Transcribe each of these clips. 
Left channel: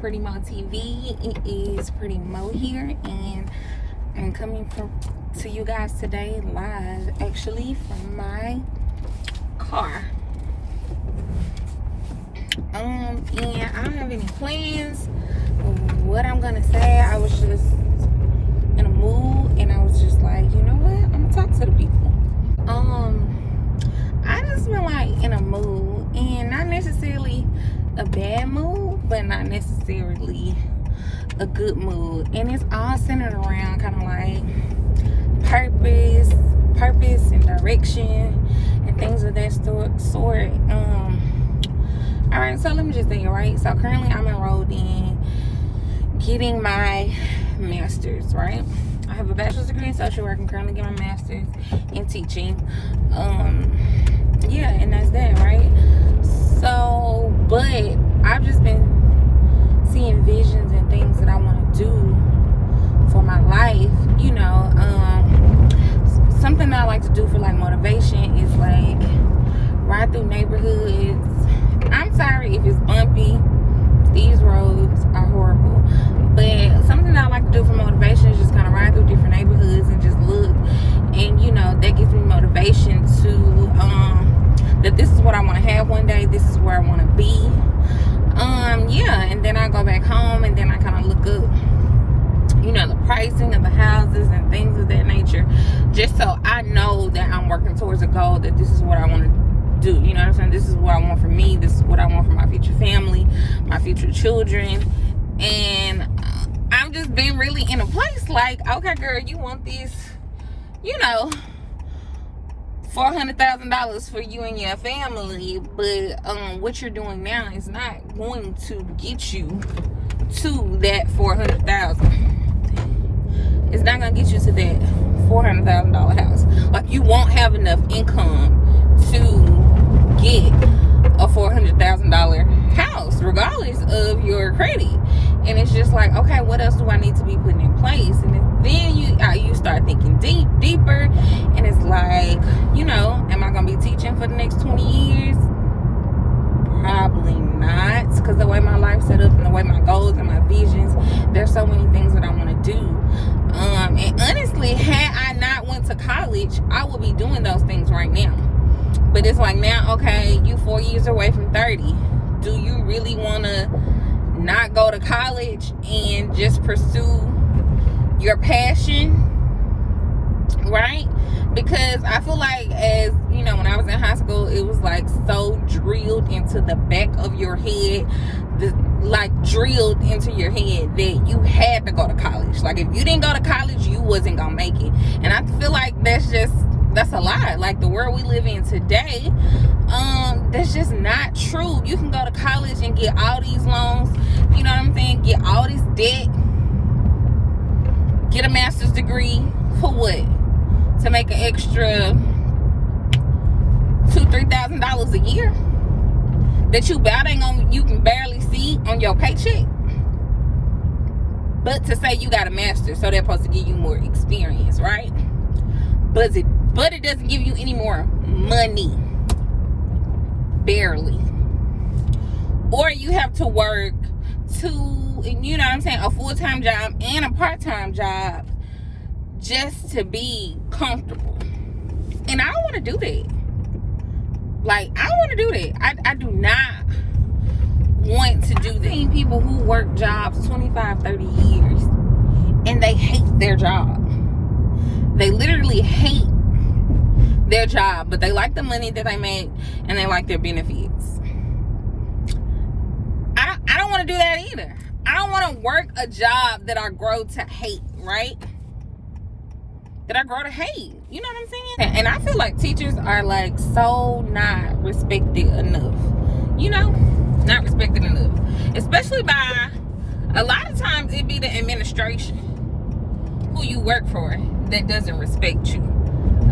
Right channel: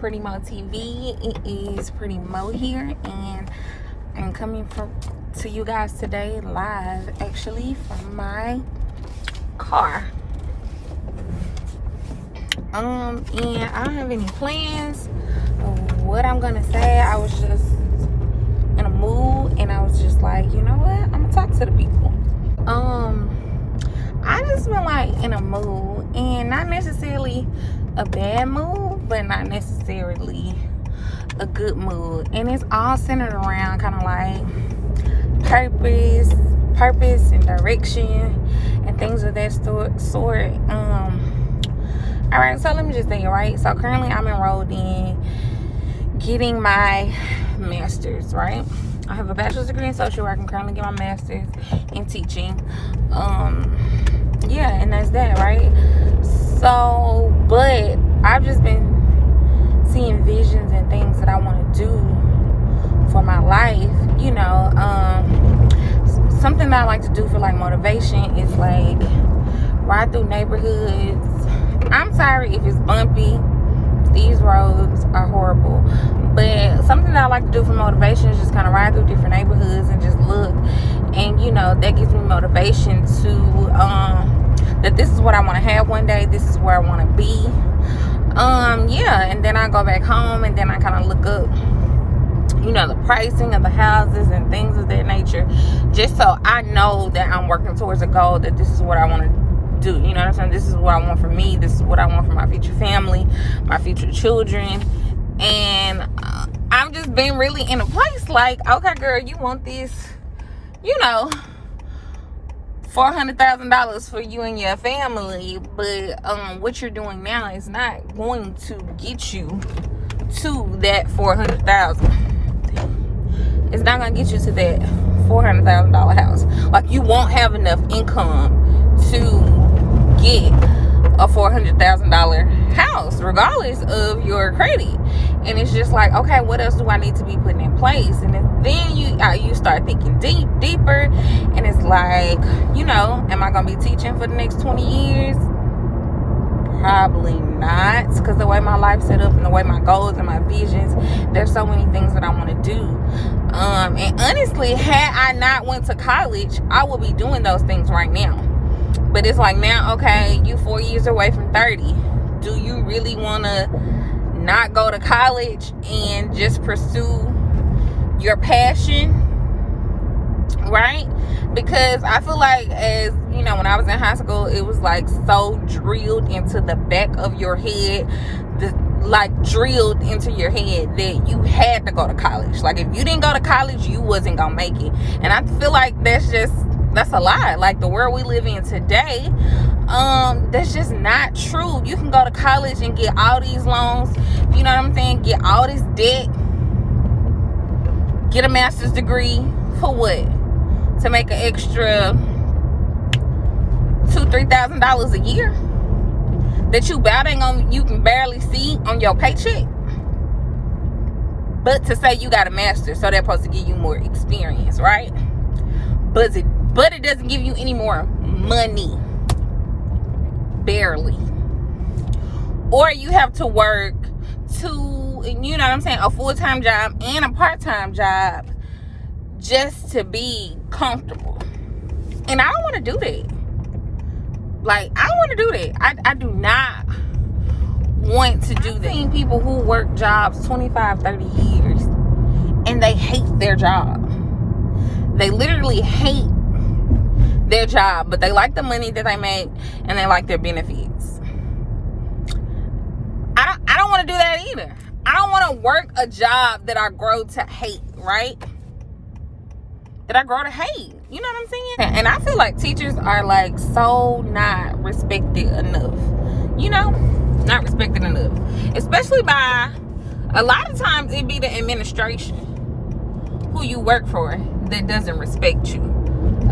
PrettyMoee TV. It is PrettyMoee here, and I'm coming to you guys today live, actually, from my car. And I don't have any plans of what I'm gonna say. I was just in a mood, and I was just like, you know what, I'm gonna talk to the people. I just been like in a mood, and not necessarily a bad mood, but not necessarily a good mood, and it's all centered around kind of like purpose and direction and things of that sort. All right, so let me just say it, right? So currently I'm enrolled in getting my master's, right? I have a bachelor's degree in social work. I'm currently getting my master's in teaching. Yeah, and that's that, right? So, but I've just been seeing visions and things that I want to do for my life, you know. Something that I like to do for like motivation is like ride through neighborhoods. I'm sorry if it's bumpy. These roads are horrible, but something that I like to do for motivation is just kind of ride through different neighborhoods and just look, and you know, that gives me motivation to that this is what I want to have one day, this is where I want to be. Yeah, and then I go back home and then I kind of look up, you know, the pricing of the houses and things of that nature, just so I know that I'm working towards a goal, that this is what I want to do. You know what I'm saying? This is what I want for me. This is what I want for my future family, my future children. And I've just been really in a place like, okay, girl, you want this, you know, $400,000 for you and your family, but what you're doing now is not going to get you to that $400,000. It's not gonna get you to that $400,000 house. Like, you won't have enough income to get a $400,000 house, regardless of your credit. And it's just like, okay, what else do I need to be putting in place? And then you start thinking deeper, and it's like, you know, am I gonna be teaching for the next 20 years? Probably not, because the way my life's set up and the way my goals and my visions, there's so many things that I want to do. And honestly, had I not went to college, I would be doing those things right now. But it's like, now, okay, you 4 years away from 30. Do you really want to not go to college and just pursue your passion, right? Because I feel like, as you know, when I was in high school, it was like so drilled into the back of your head, drilled into your head that you had to go to college. Like, if you didn't go to college, you wasn't gonna make it. And I feel like that's a lie. Like, the world we live in today, that's just not true. You can go to college and get all these loans, you know what I'm saying, get all this debt, get a master's degree for what? To make an extra $2,000-$3,000 a year that you can barely see on your paycheck. But to say you got a master's, so they're supposed to give you more experience, right? But it doesn't give you any more money, barely. Or you have to work you know what I'm saying, a full-time job and a part-time job just to be comfortable. And I don't want to do that. Like, I don't want to do that. I do not want to do that. I've seen people who work jobs 25, 30 years and they hate their job. They literally hate their job, but they like the money that they make and they like their benefits. I don't want to do that either. I don't want to work a job that I grow to hate, right? That I grow to hate. You know what I'm saying? And I feel like teachers are like so not respected enough. You know? Not respected enough. Especially by, a lot of times it be the administration who you work for that doesn't respect you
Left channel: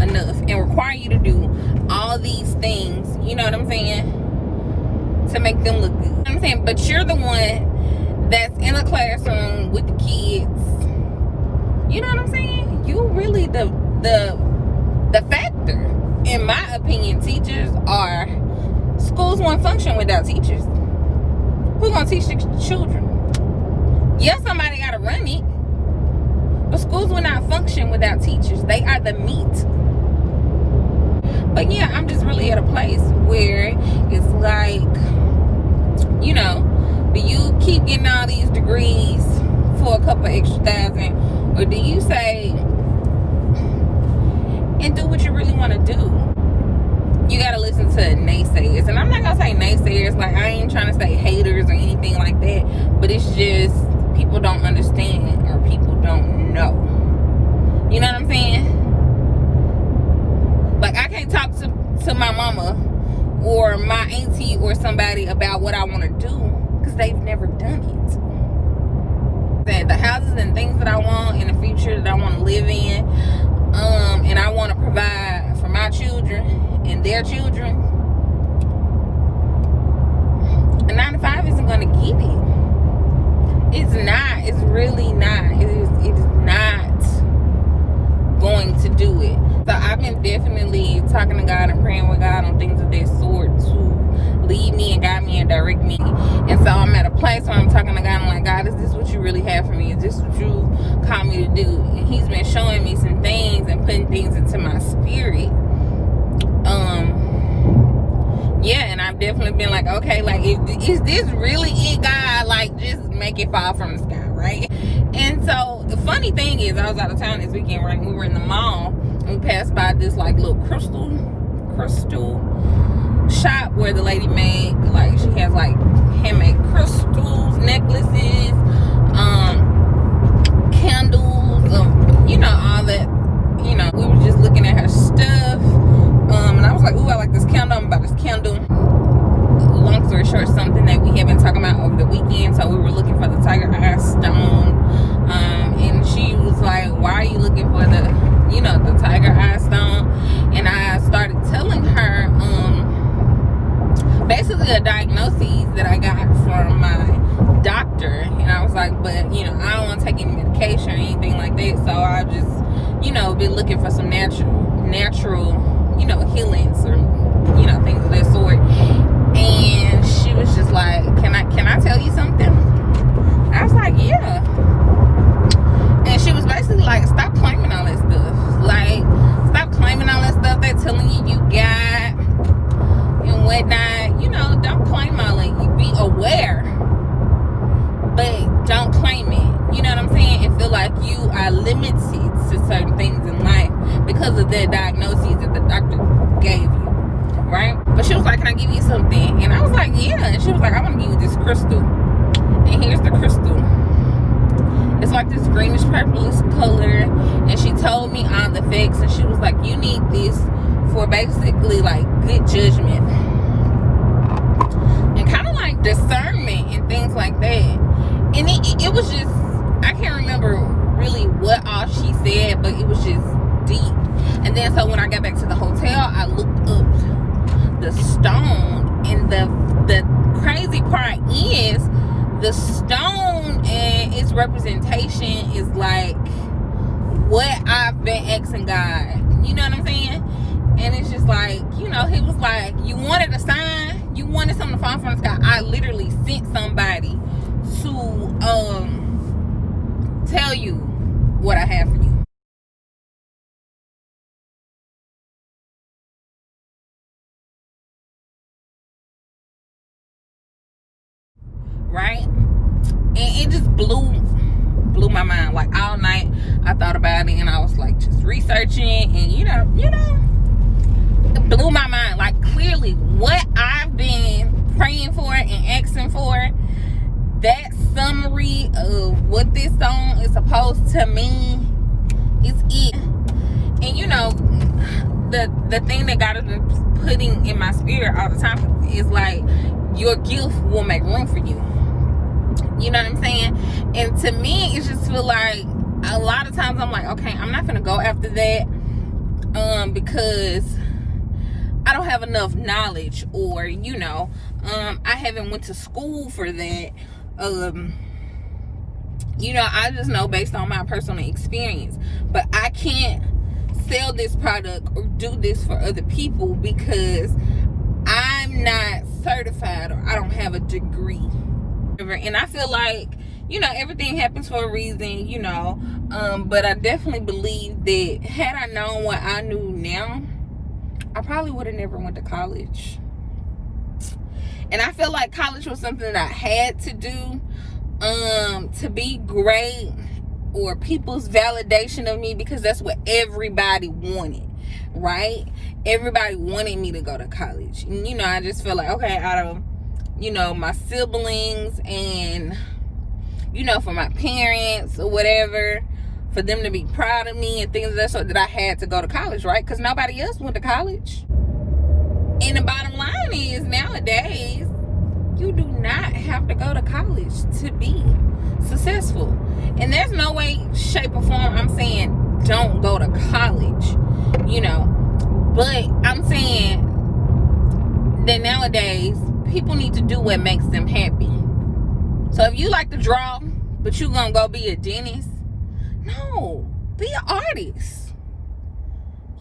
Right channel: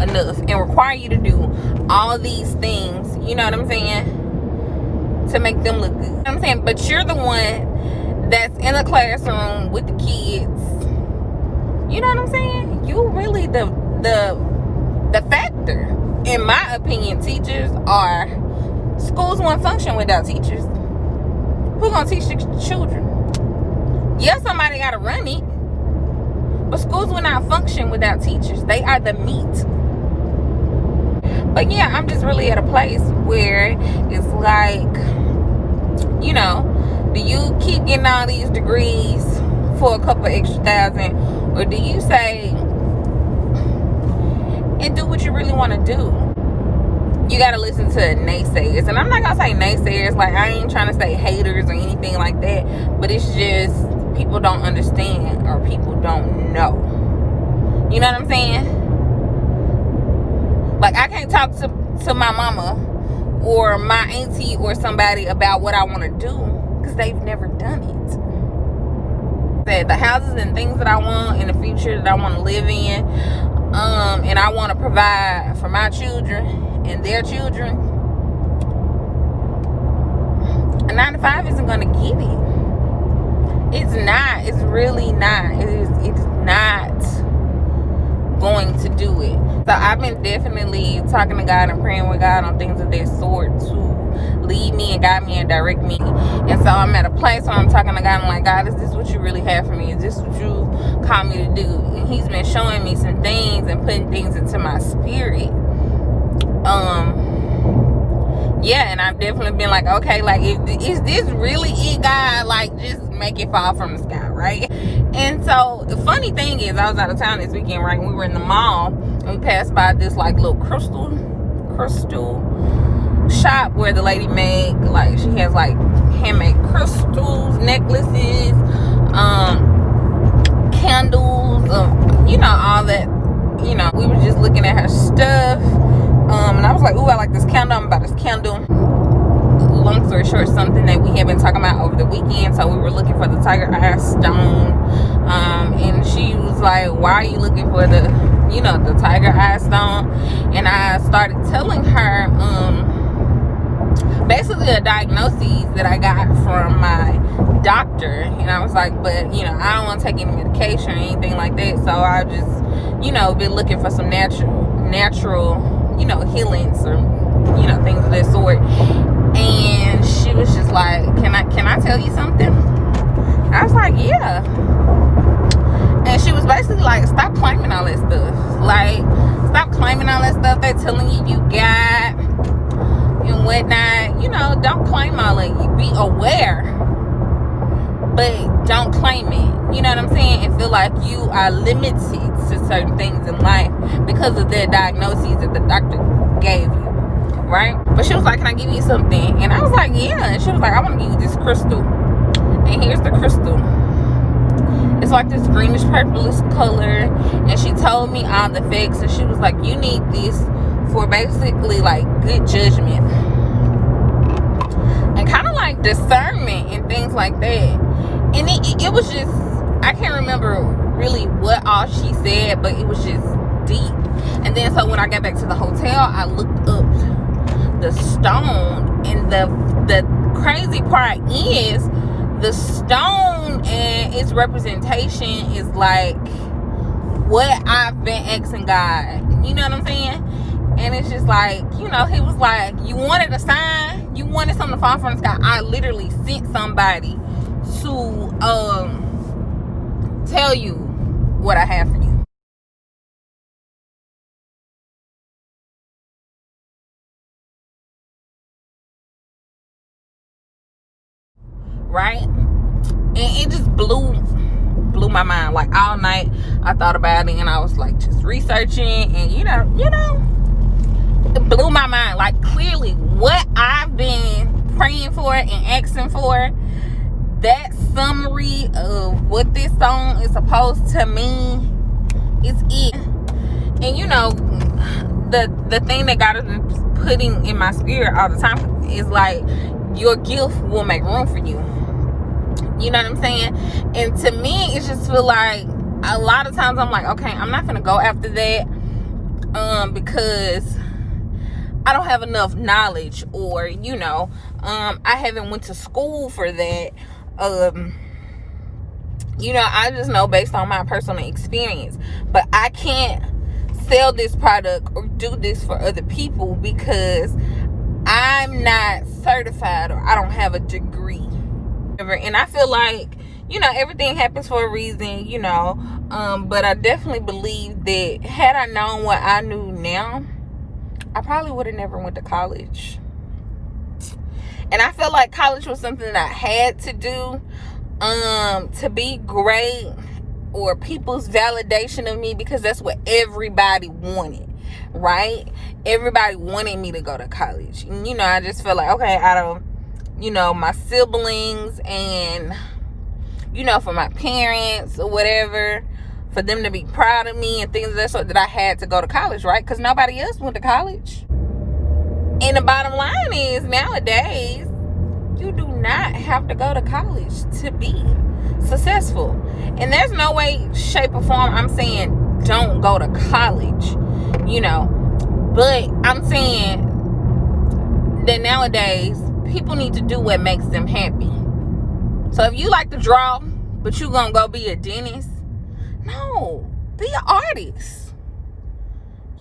enough and require you to do all these things, you know what I'm saying, to make them look good. You know what I'm saying? But you're the one that's in a classroom with the kids. You know what I'm saying? You really the factor. In my opinion, teachers schools won't function without teachers. Who's gonna teach the children? Yeah, somebody gotta run it, but schools will not function without teachers. They are the meat. But yeah, I'm just really at a place where it's like, you know, do you keep getting all these degrees for a couple extra thousand, or do you say and do what you really want to do? You got to listen to naysayers. And I'm not going to say naysayers, like I ain't trying to say haters or anything like that, but it's just people don't understand or people don't know. You know what I'm saying? Like, I can't talk to my mama or my auntie or somebody about what I want to do because they've never done it. The houses and things that I want in the future that I want to live in, and I want to provide for my children and their children, a 9 to 5 isn't going to get it. It's not. It's really not. It is not going to do it. So I've been definitely talking to God and praying with God on things of this sort to lead me and guide me and direct me. And so I'm at a place where I'm talking to God. I'm like, God, is this what you really have for me? Is this what you call me to do? And he's been showing me some things and putting things into my spirit. Yeah, and I've definitely been like, okay, like, is this really it, God? Like, just make it fall from the sky, right? And so the funny thing is, I was out of town this weekend, right? We were in the mall and we passed by this like little crystal shop where the lady made, like, she has like handmade crystals, necklaces, candles, you know, all that. You know, we were just looking at her stuff, and I was like, ooh, I like this candle. I'm about this candle. Long story short, something that we had been talking about over the weekend. So we were looking for the tiger eye stone, and she was like, why are you looking for the, you know, the tiger eye stone? And I started telling her basically a diagnosis that I got from my doctor, and I was like, but you know, I don't want to take any medication or anything like that, so I just, you know, been looking for some natural, you know, healings or, you know, things of that sort. And she was just like, can I tell you something? I was like, yeah. And she was basically like, stop claiming all that stuff. Like, stop claiming all that stuff they're telling you got and whatnot. You know, don't claim all of it. Be aware, but don't claim it. You know what I'm saying? And feel like you are limited to certain things in life because of the diagnoses that the doctor gave you, right? But she was like, can I give you something? And I was like, yeah. And she was like, I want to give you this crystal. And here's the crystal. It's like this greenish purplish color. And she told me all the facts. And she was like, you need this for basically like good judgment and kind of like discernment and things like that. And it was just, I can't remember really what all she said, but it was just deep. And then so when I got back to the hotel, I looked up the stone, and the crazy part is the stone and its representation is like what I've been asking God. You know what I'm saying? And it's just like, you know, he was like, you wanted a sign, you wanted something to fall from the sky. I literally sent somebody to tell you what I have for you. Right? And it just blew my mind. Like all night I thought about it, and I was like just researching, and you know, it blew my mind. Like clearly what I've been praying for and asking for, that summary of what this song is supposed to mean is it. And you know, the thing that God has been putting in my spirit all the time is like, your gift will make room for you. You know what I'm saying? And to me, it just feel like a lot of times I'm like, okay, I'm not gonna go after that because I don't have enough knowledge, or you know, I haven't went to school for that. You know, I just know based on my personal experience, but I can't sell this product or do this for other people because I'm not certified or I don't have a degree. And I feel like, you know, everything happens for a reason, you know. But I definitely believe that had I known what I knew now, I probably would have never went to college. And I feel like college was something that I had to do to be great, or people's validation of me, because that's what everybody wanted, right? Everybody wanted me to go to college. And, you know, I just feel like, okay, out of, you know, my siblings and, you know, for my parents or whatever, for them to be proud of me and things of that sort, that I had to go to college, right? Because nobody else went to college. And the bottom line is, nowadays, you do not have to go to college to be successful. And there's no way, shape, or form I'm saying don't go to college, you know. But I'm saying that nowadays, people need to do what makes them happy. So if you like to draw, but you gonna go be a dentist, no, be an artist,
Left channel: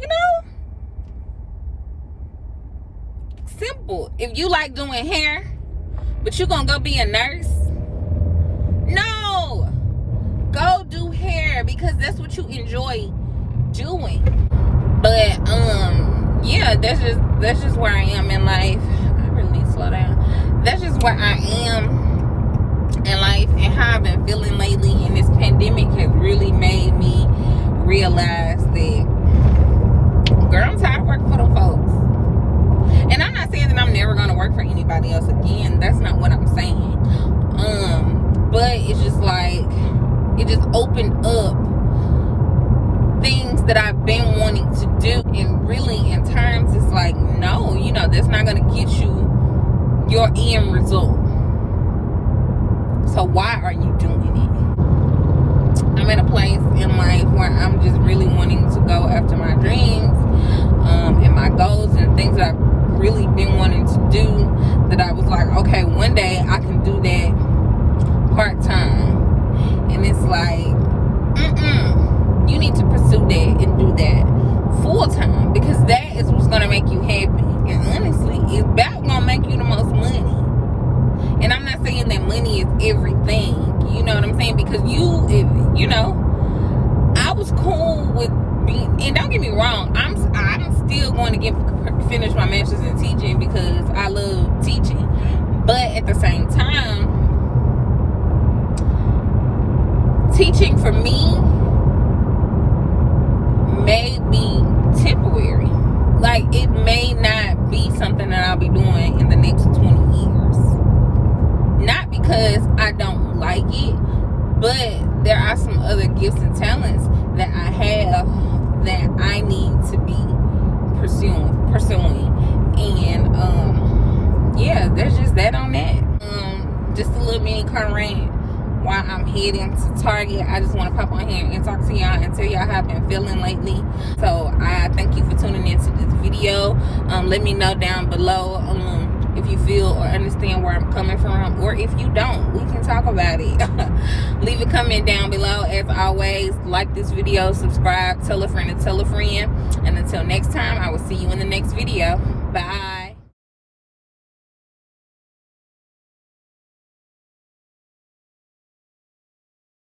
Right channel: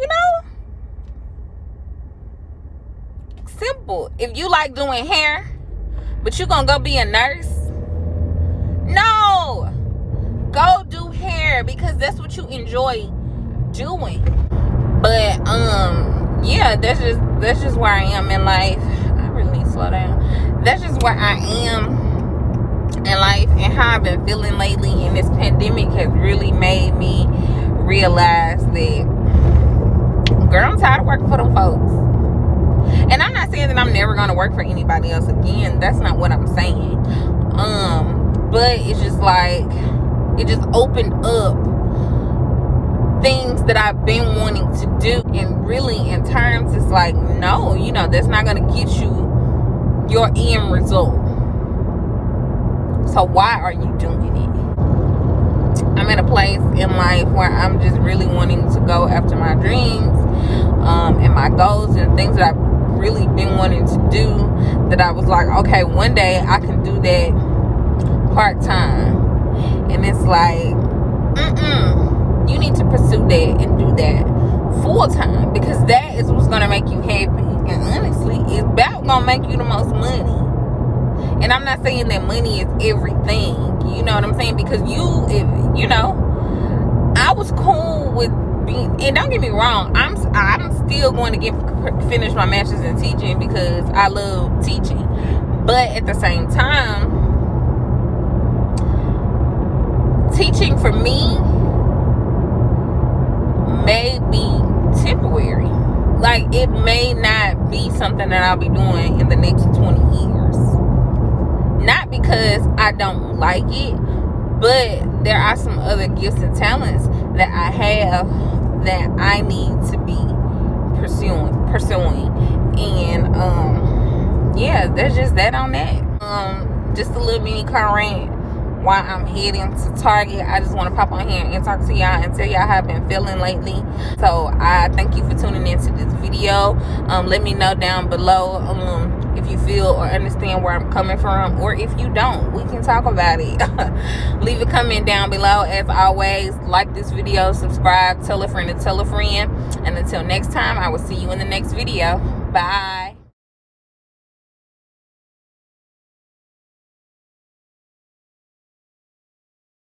you know. Simple. If you like doing hair, but you gonna go be a nurse, no, go do hair, because that's what you enjoy doing. But yeah, that's just where I am in life. I really need to slow down. That's just where I am in life, and how I've been feeling lately. And this pandemic has really made me realize that, girl, I'm tired of working for them folks. And I'm not saying that I'm never going to work for anybody else again. That's not what I'm saying. But it's just like, it just opened up things that I've been wanting to do. And really, in terms, it's like, no, you know, that's not going to get you your end result. So why are you doing it? I'm at a place in life where I'm just really wanting to go after my dreams, and my goals, and things that I've really been wanting to do, that I was like, okay, one day I can do that part-time. And it's like, you need to pursue that and do that full-time, because that is what's going to make you happy. And honestly, it's about going to make you the most money. And I'm not saying that money is everything, you know what I'm saying? Because you know, I was cool with being, and don't get me wrong, I'm still going to finish my master's in teaching, because I love teaching. But at the same time, teaching for me may be temporary. Like, it may not be something that I'll be doing in the next 20 years. Not because I don't like it, but there are some other gifts and talents that I have that I need to be pursuing. And yeah, that's just that on that. Just a little mini car rant while I'm heading to Target. I just want to pop on here and talk to y'all and tell y'all how I've been feeling lately. So I thank you for tuning into this video. Let me know down below if you feel or understand where I'm coming from, or if you don't, we can talk about it. Leave a comment down below. As always, like this video, subscribe, tell a friend to tell a friend, and until next time, I will see you in the next video. Bye.